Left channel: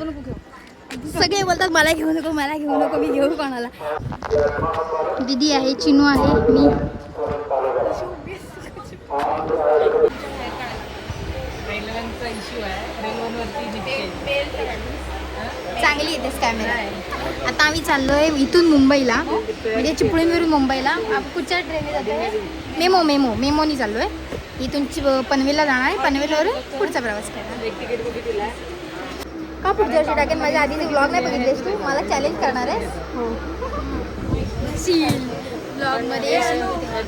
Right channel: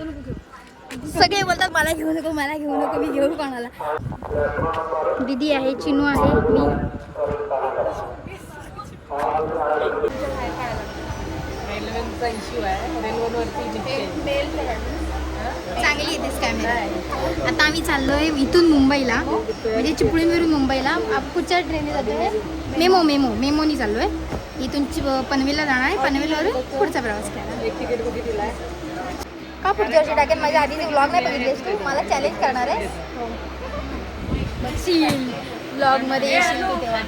सगळे बोलतात मला घेऊ नको, मला घेऊ नको, मी घेऊ कोणाला. दीदी आहे, चिनू आहे, मी. चांगली येतेस कॅमेरा. आता आम्ही चाललोय इथून मुंबईला, म्हणजे चिपळूणवरून मुंबईला. कुठच्या ट्रेनने जातोय? मेमोनी चाललोय. इथून पनवेलला जाणार आहे, पनवेलवरून पुढचा प्रवास करणार. का पुढच्या वर्षी टाकेन? माझ्या आधीचे व्लॉग नाही बघितलेस तू? मला चॅलेंज करणार आहे. हो, व्लॉगमध्ये येशील तू तेव्हा.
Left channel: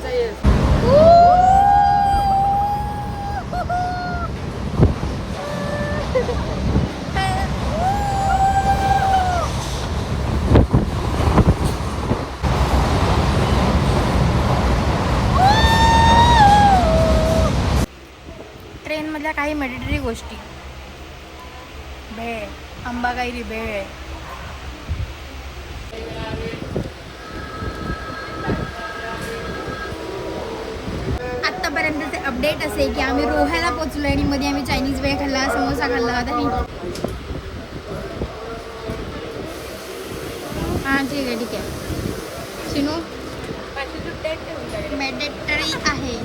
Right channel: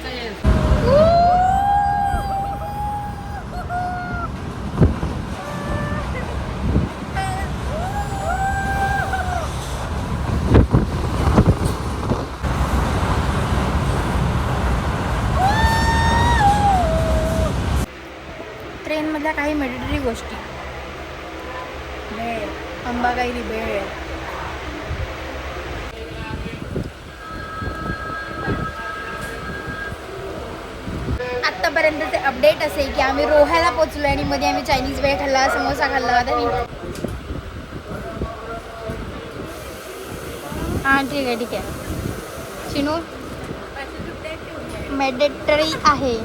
ट्रेनमधल्या काही मेडिटरी गोष्टी. भेळ, आंबागाईरी भेळ. आत्तापर्यंतचे अपडेट असे की आम्ही रोह्याला पोहोचलो आणि मध्ये आम्ही चायनीज भेळ खाल्ला, समोसा खाल्ला. हां ठीक आहे. सिनू मेडिटरी आहे.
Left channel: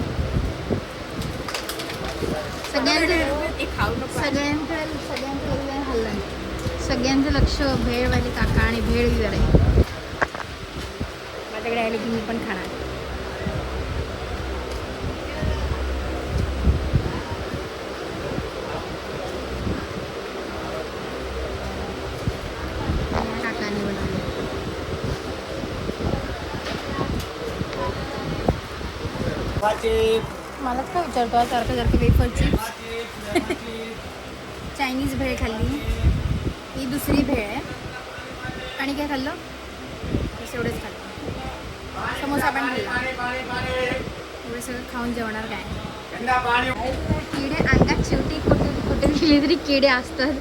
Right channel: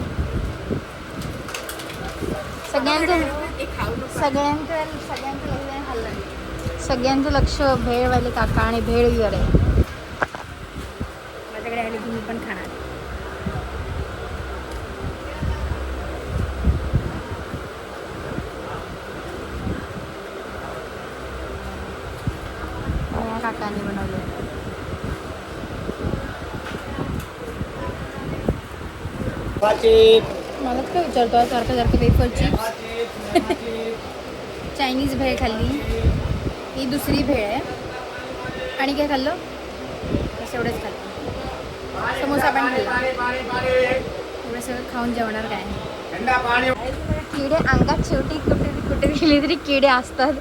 सगळ्यांचं लक्ष भेळवाले काका आणि भेळवीवर आहे. माझ्याकडे आले की मी पण खाणार. काकांनी बनवले. मलाच काय विचारतो सारखं वेफरची. चायनीज भेळ खाल्ली, ही दुसरी भेळ आहे. आणि काय खाल्लं? बस एवढंच खाल्लं. समोसा पण खाल्ला. एवढं सगळं खाऊन जेवणार काय? किडे अंगात शेवटी कुठे गेली तरी किडे असतात.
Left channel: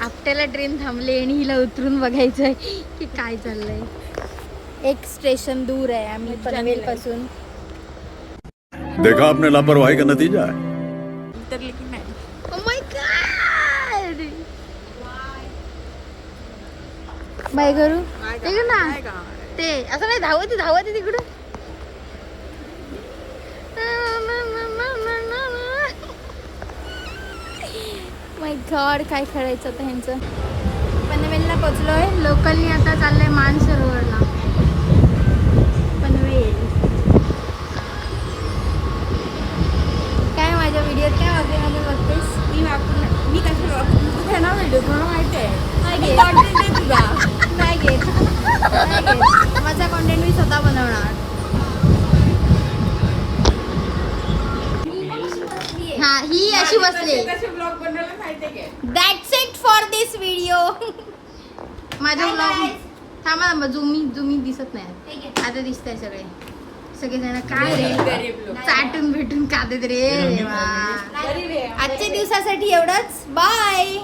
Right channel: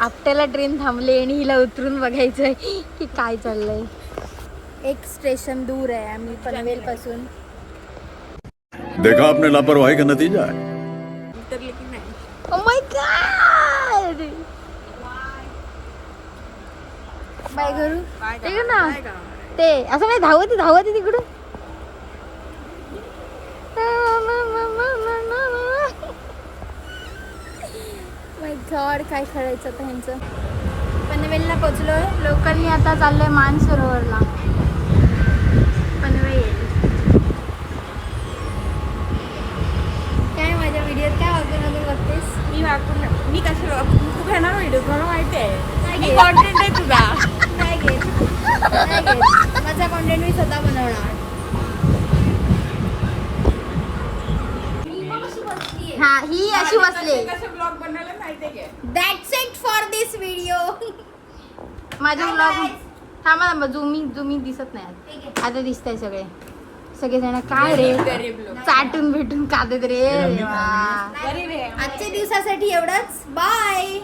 आपल्याला ट्रेन थांबले आणि हिला उतरून बघायचंय की काय चाललंय. एक स्टेशन दूर आहे आम्ही पनवेल पासून. देखा आपने लापरवाही का नतीजा है. Oh my God! बाय करू ते ना ते असं नाही. धावत तिकडून. माय गॉड, काय करायचं आता ह्यांचं. पनवेलला पोचलोय. लोकलनी आता चाललंय मानसरोवरला. पनवेल. काय माझ्या व्हिडिओत काय वागते बघतेस? मी कशी तू घेणार व्हिडिओ मला माहिती आहे. नाही घेत. माझा कॉन्टेंट मी स्वतः बनवणार. हा, ही अशी बसले. That's it for this video. माझा व्लॉग थांबा जुमी दिसत नाही. आता दिसतंय सगळेजण. काय रे चाटून भेटून खाते रे. आजच्या दिवसासाठी एवढंच. बाय.